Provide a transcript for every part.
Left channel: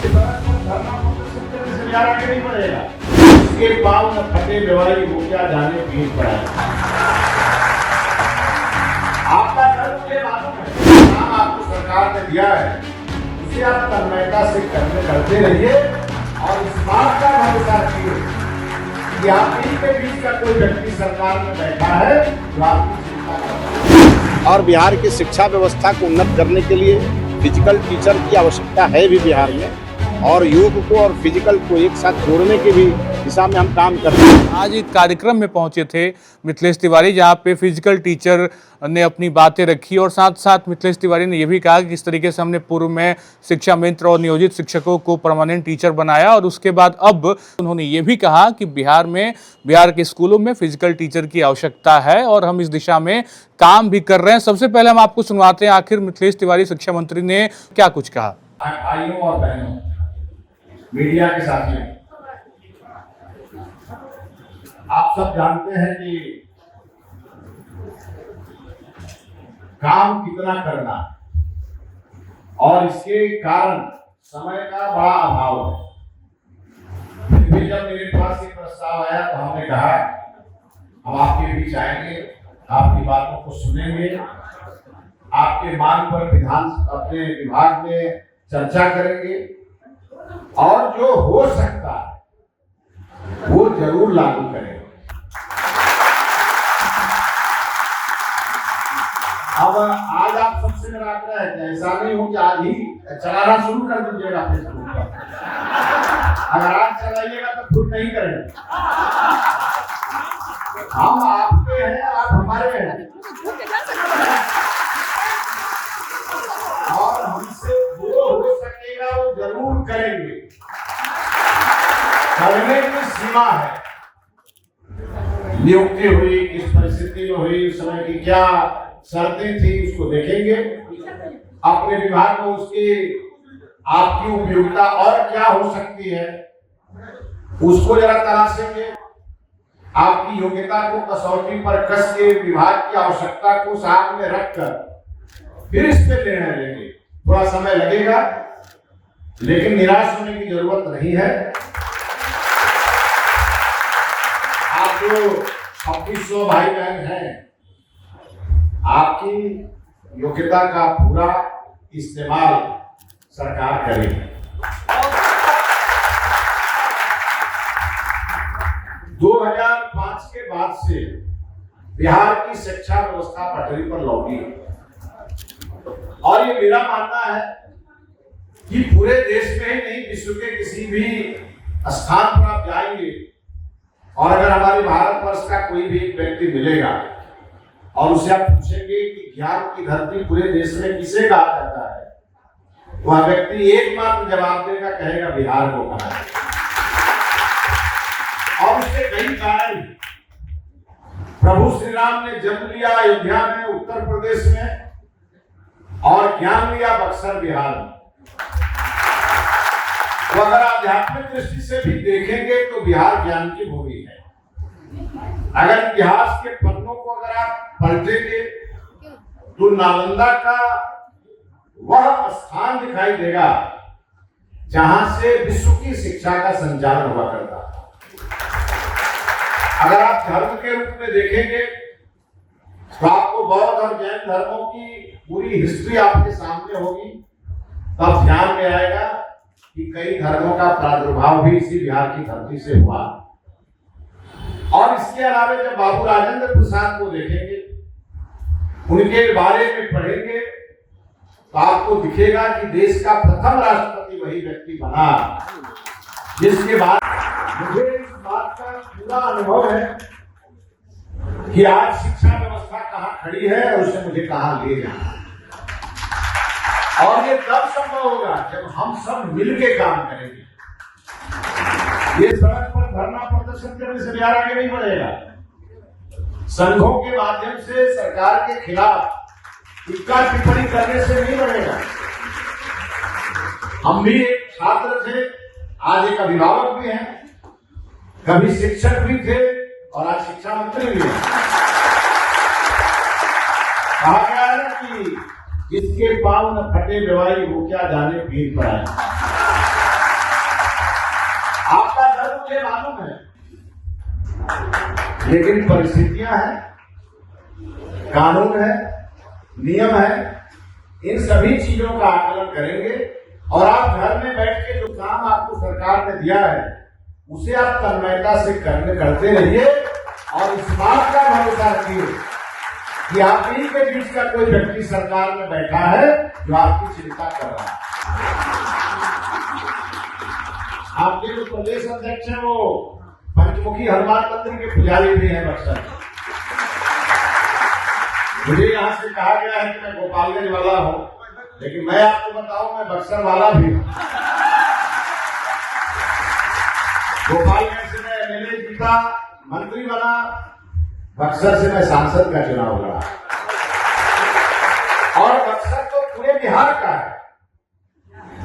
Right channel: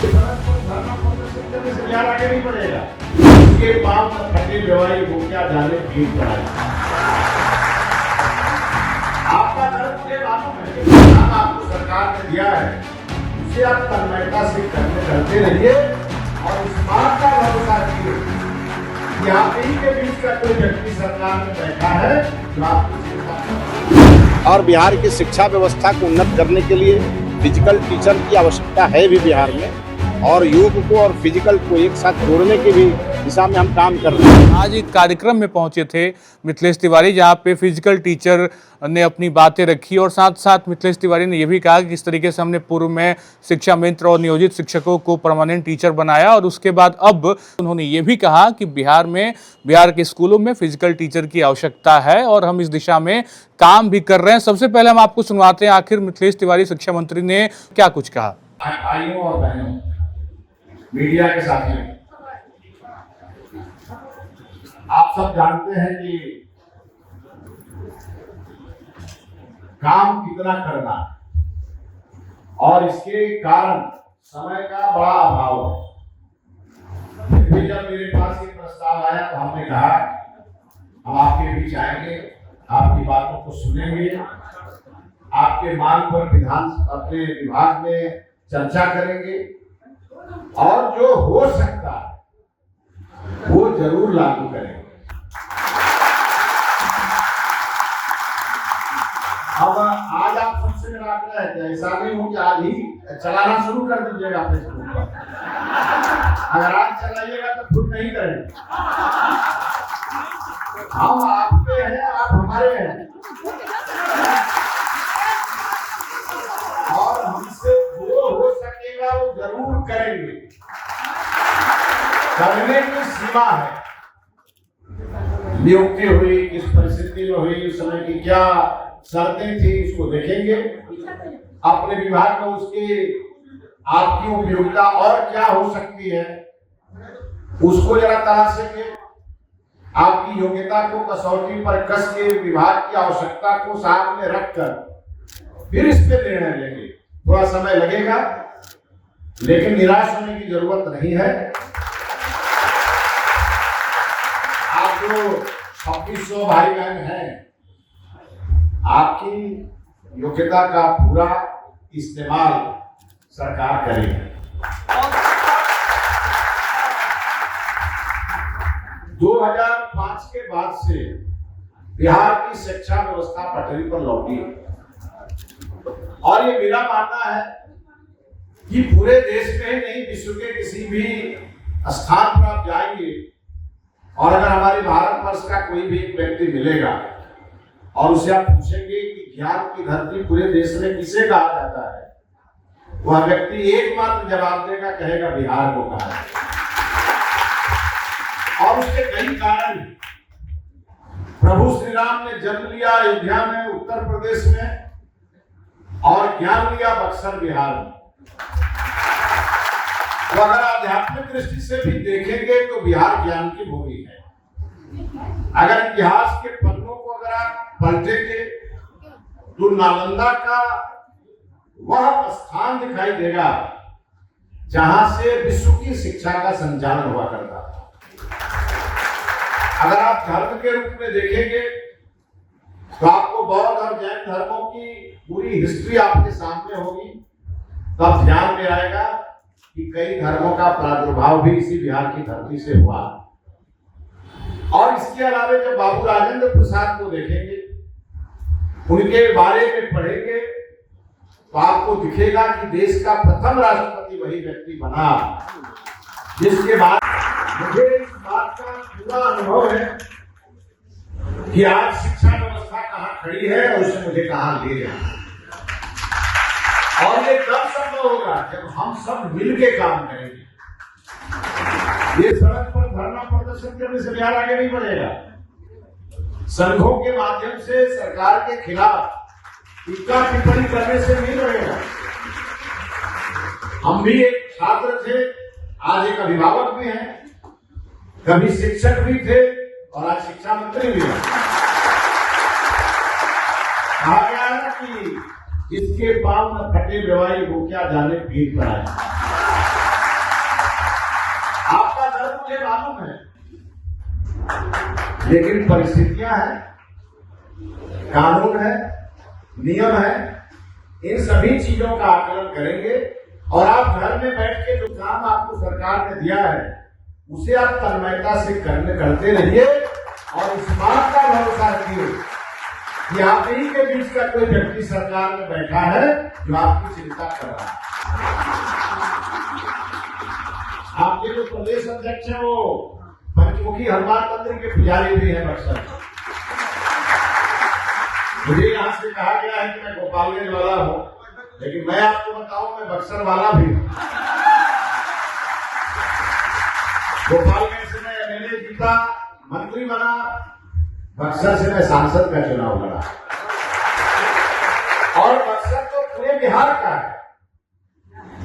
धरना प्रदर्शन करने से बिहार आगे नहीं बढ़ेगा। इसके पाँव न फटे दवाई वो क्या जाने भीड़ पर आए। आपका घर मुझे मालूम है, काम आपको सरकार ने दिया है, उसे आप तन्मयता से करते रहिए और इस बात का भरोसा रखिए कि आप ही के बीच का कोई व्यक्ति सरकार में बैठा है जो आपकी चिंता कर। और बिहार की शिक्षा व्यवस्था को उन्नत करने के लिए फिजिकल टीचर की आवश्यकता है भी बिहार में, और योग को और फिजिकल को एक साथ जोड़ने की भी दिशा में हम काम कर रहे हैं। आज एक कार्यक्रम में पहुंचे थे मिथिलेश तिवारी, जहां पे फिजिकल टीचर ने अपनी बातें रखी और साथ साथ मिथिलेश तिवारी ने यह भी कहा कि किस तरीके से हमने पूर्व में शिक्षा मित्र और नियोजित शिक्षकों को परमानेंट टीचर बनाया, और उसके बाद अब उन्होंने ये भी कहा कि बिहार के स्कूलों में फिजिकल टीचर की आवश्यकता है और हम इस दिशा में काम भी कर रहे हैं। सबसे पहले हम आपको सुनवाते हैं आखिर मिथिलेश तिवारी शिक्षा मंत्री ने क्या कुछ कहा। भाइयों और बहनों, मीडिया के साथियों, आप सब जानते हैं कि काम कितना करना और इसके कारण समय का बड़ा अभाव है। फिर भी जब मेरे पास ये प्रस्ताव आया तो हमने कहा हम आपके बीच आएंगे, आपकी बातों को सुनेंगे, आपके मांग पर अपने विभाग में चर्चा करेंगे और जो हो सकता है वो जरूर लागू करेंगे। अब आज आप सबसे मेरा आग्रह है कि ऐसा नहीं हो कि आज ही चलाना शुरू कर दीजिएगा अपने स्कूल पर। अगर आज चलाइएगा तो खुद नहीं करेंगे। हम आपके हैं, आप हमारे हैं, और हमसे जो हो सकेगा वो जरूर करेंगे। करने की सीमा है। नियुक्ति हुई, किस परिस्थिति में हुई, उस समय की क्या शर्तें थी, उसको देखेंगे। अपने विभाग में उसकी आपकी उपयोगिता और क्या हो सकती है उसको जरा तलाशेंगे। आपकी योग्यता को कसौटी पर कस के विभाग की आवश्यकता को सामने रखकर फिर इस पे निर्णय लेंगे। थोड़ा समय लगेगा, लेकिन निराश होने की जरूरत नहीं है। आप जो 2600 भाई बहन हैं, आपकी योग्यता का पूरा इस्तेमाल सरकार करेगी। 2005 के बाद से बिहार की शिक्षा व्यवस्था पटरी पर लौटी है और ये मेरा मानना है कि पूरे देश में ही नहीं, विश्व के किसी भी स्थान पर आप जाएंगे और अगर हमारे भारतवर्ष का कोई भी व्यक्ति मिलेगा और उसे आप पूछेंगे कि ज्ञान की धरती पूरे देश में किसे कहा जाता है, वह व्यक्ति एकमात्र जवाब देगा, कहेगा बिहार को कहा है। और उसके कई कारण। प्रभु श्री राम ने जन्म लिया अयोध्या में, उत्तर प्रदेश में, और ज्ञान लिया बक्सर बिहार में। तो अगर आध्यात्मिक दृष्टि से भी देखेंगे तो बिहार ज्ञान की भूमि है। अगर इतिहास के पन्नों को अगर आप पलटेंगे तो नालंदा का वह स्थान दिखाई देगा जहां से विश्व की शिक्षा का संचालन हुआ करता था। अगर आप धर्म के रूप में देखेंगे तो आपको बौद्ध और जैन धर्मों की पूरी हिस्ट्री आपके सामने होगी, तब ध्यान में आएगा कि कई धर्मों का प्रादुर्भाव भी इसी बिहार की धरती से हुआ। और इसके अलावा जब बाबू राजेंद्र प्रसाद को देखेंगे, उनके बारे में पढ़ेंगे, तो आपको दिखेगा कि देश का प्रथम राष्ट्रपति वही व्यक्ति बना जिसके बाद मुझे इस बात का पूरा अनुभव है कि आज शिक्षा व्यवस्था कहाँ खड़ी है और उसे मुझे कहाँ ले जाना। और ये तब संभव होगा जब हम सब मिलके काम करेंगे। ये सड़क पर धरना प्रदर्शन करने से बिहार आगे नहीं बढ़ेगा। संघों के माध्यम से सरकार के खिलाफ टीका टिप्पणी करने से नहीं बढ़ेगा। हम भी एक छात्र थे, आज एक अभिभावक भी हैं, कभी शिक्षक भी थे और आज शिक्षा मंत्री भी हैं। कहा गया है कि जिसके पांव न फटे दवाई वो क्या जाने भीड़ पर आए। लेकिन परिस्थितियां हैं, कानून है, नियम है, इन सभी चीजों का आकलन करेंगे और आप घर में बैठ के जो काम आपको सरकार ने दिया है उसे आप तन्मयता से करते रहिए और इस बात का भरोसा रखिए कि आप ही के बीच का कोई व्यक्ति सरकार में बैठा है जो आपकी चिंता कर रहा है। आपके जो प्रदेश अध्यक्ष है वो पंचमुखी हनुमान मंदिर के पुजारी भी है बक्सर। मुझे यहाँ से कहा गया है कि मैं गोपालगंज वाला हूँ, लेकिन मैं आपको बताऊं मैं बक्सर वाला भी हूँ। गोपालगंज से मैं एमएलए जीता, मंत्री बना, बक्सर से मैं सांसद का चुनाव लड़ा और बक्सर तो पूरे बिहार का है,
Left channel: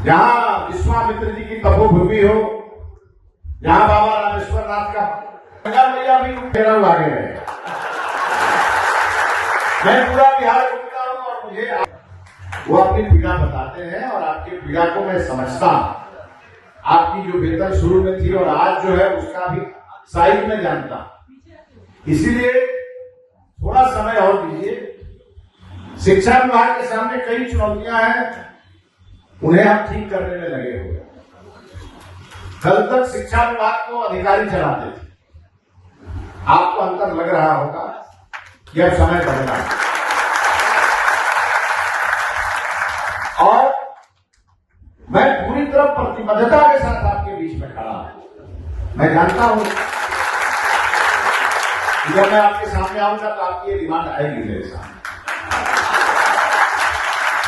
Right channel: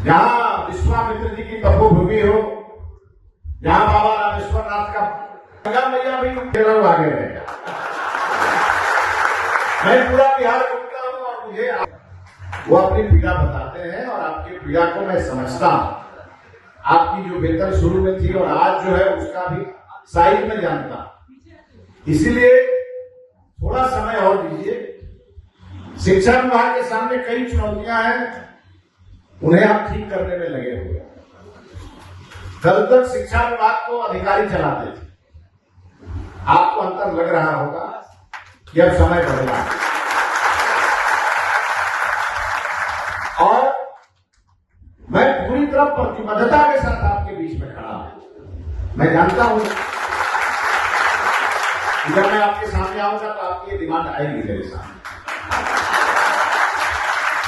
जहां विश्वामित्र जी की तपोभूमि हो, जहां बाबा रामेश्वर नाथ का गंगा मैया भी आगे रहेगा। मैं पूरा बिहार घूमता हूं और मुझे वो अपनी पीड़ा बताते हैं और आपकी पीड़ा को मैं समझता हूं। आपकी जो वेतन शुरू में थी और आज जो है उसका भी साइज में जानता हूं, इसीलिए थोड़ा समय और दीजिए। शिक्षा विभाग के सामने कई चुनौतियां हैं, उन्हें हम ठीक करने में लगे हुए हैं। कल तक शिक्षा विभाग को अधिकारी चलाते थे, आपको अंतर लग रहा होगा कि अब समय बदला है और मैं पूरी तरह प्रतिबद्धता के साथ आपके बीच में खड़ा हूं। मैं जानता हूं कि जब मैं आपके सामने आऊंगा तो आपकी ये डिमांड आएगी मेरे सामने।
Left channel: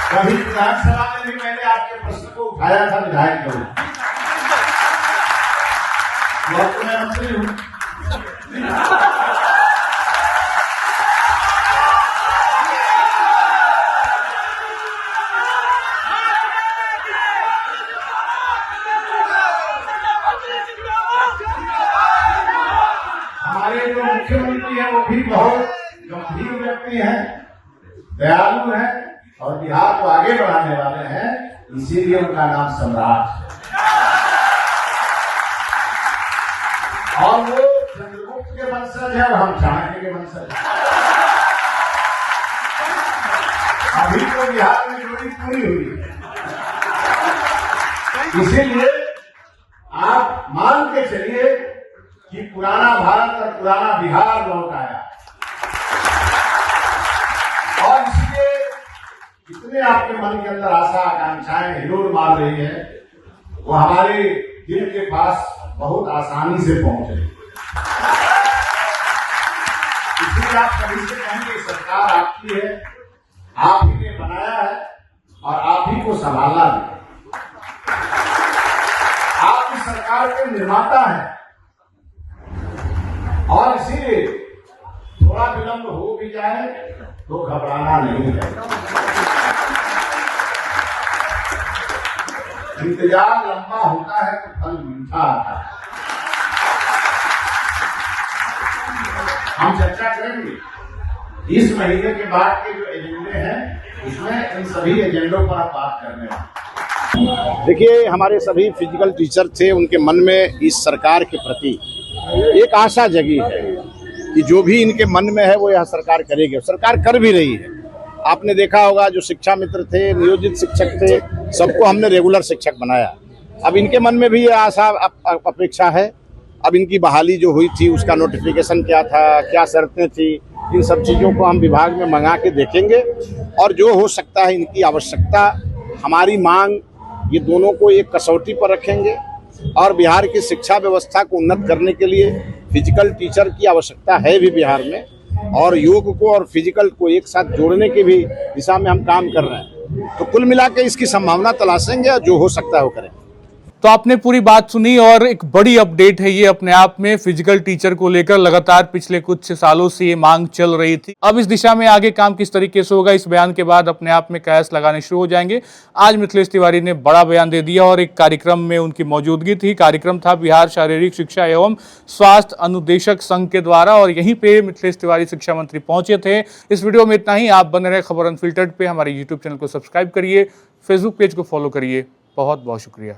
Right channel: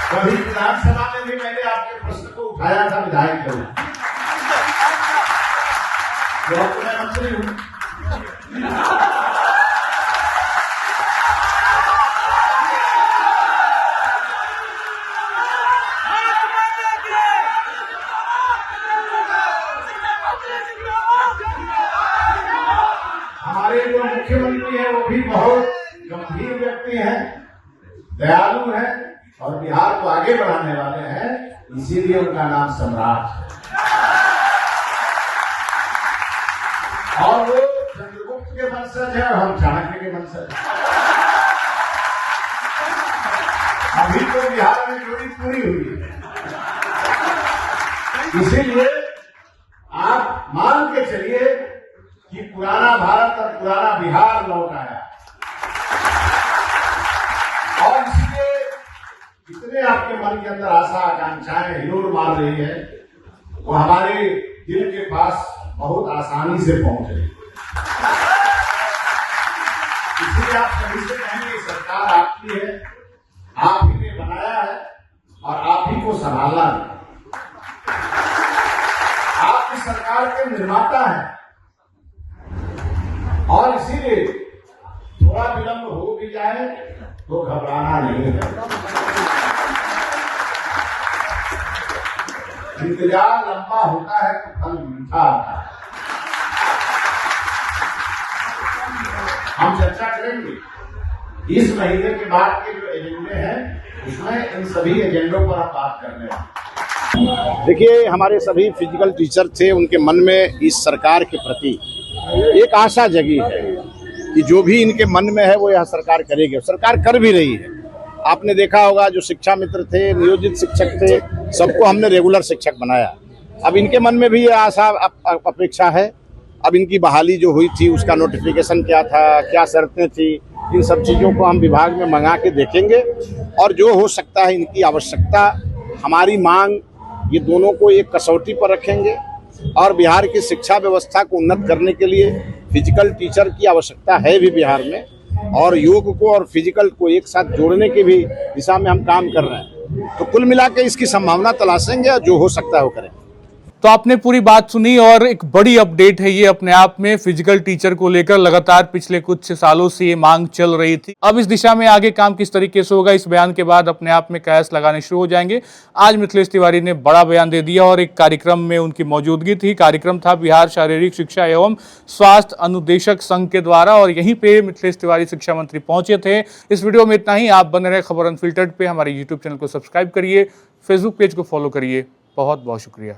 कभी विधानसभा में भी मैंने आपके प्रश्न को उठाया था विधायक के रूप में, तो अब तो मैं मंत्री हूं। हमारे जो मुख्यमंत्री हैं वो भी बहुत गंभीर व्यक्ति हैं, दयालु हैं और बिहार को आगे बढ़ाने वाले हैं, इसीलिए उनका नाम सम्राट है। और वो चंद्रगुप्त के वंशज है और हम चाणक्य के वंशज हैं। अभी तो बिहार में जोड़ी पूरी हुई है, इसीलिए आप मान के चलिए कि पुराना भारत और पुराना बिहार लौट आया और इसलिए जितने आपके मन के अंदर आशा आकांक्षाएं हिलोर मार रही है वो हमारे दिल के पास बहुत आसानी से पहुंचे। इसलिए आप कभी से कहेंगे सरकार आपकी है, आप ही ने बनाया है और आप ही को संभालना है। आप इस सरकार के निर्माता हैं और इसीलिए थोड़ा विलंब हो भी जाए तो घबराना नहीं है। इंतजार लंबा होता है तो फल मीठा आता है। हम चर्चा करेंगे इस महीने के बाद के जो एजेंडे हैं उसमें इन सभी एजेंडों पर आप बात करने वाले। देखिए, हमारे सभी फिजिकल टीचर थे, उनके मन में इस सरकार के प्रति एक आशा जगी है कि जो भी इनके मन में है वो यह सरकार करेगी। सरकार कर भी रही है। आपने देखा होगा जो शिक्षा मित्र थे, नियोजित शिक्षक थे, सबको हमने रेगुलर शिक्षक बनाया। अब इनके मन में भी ये आशा अपेक्षा है। अब इनकी बहाली जो हुई थी उसका नोटिफिकेशन क्या था, क्या शर्तें थी, इन सब चीज़ों को हम विभाग में मंगा के देखेंगे और जो हो सकता है इनकी आवश्यकता, हमारी मांग, ये दोनों को एक कसौटी पर रखेंगे और बिहार की शिक्षा व्यवस्था को उन्नत करने के लिए फिजिकल टीचर की आवश्यकता है भी बिहार में और योग को और फिजिकल को एक साथ जोड़ने की भी दिशा में हम काम कर रहे हैं। तो कुल मिला के इसकी संभावना तलाशेंगे और जो हो सकता है वो करेंगे। तो आपने पूरी बात सुनी और एक बड़ी अपडेट है ये अपने आप में। फिजिकल टीचर को लेकर लगातार पिछले कुछ सालों से ये मांग चल रही थी। अब इस दिशा में आगे काम किस तरीके से होगा, इस बयान के बाद अपने आप में कयास लगाने शुरू हो जाएंगे। आज मिथिलेश तिवारी ने बड़ा बयान दे दिया और एक कार्यक्रम में उनकी मौजूदगी थी। कार्यक्रम था बिहार शारीरिक शिक्षा एवं स्वास्थ्य अनुदेशक संघ के द्वारा और यहीं पे मिथिलेश तिवारी शिक्षा मंत्री पहुंचे थे। इस वीडियो में इतना ही। आप बने रहे खबर अनफिल्टर्ड पे। हमारे यूट्यूब चैनल को सब्सक्राइब करिए, फेसबुक पेज को फॉलो करिए। बहुत बहुत शुक्रिया।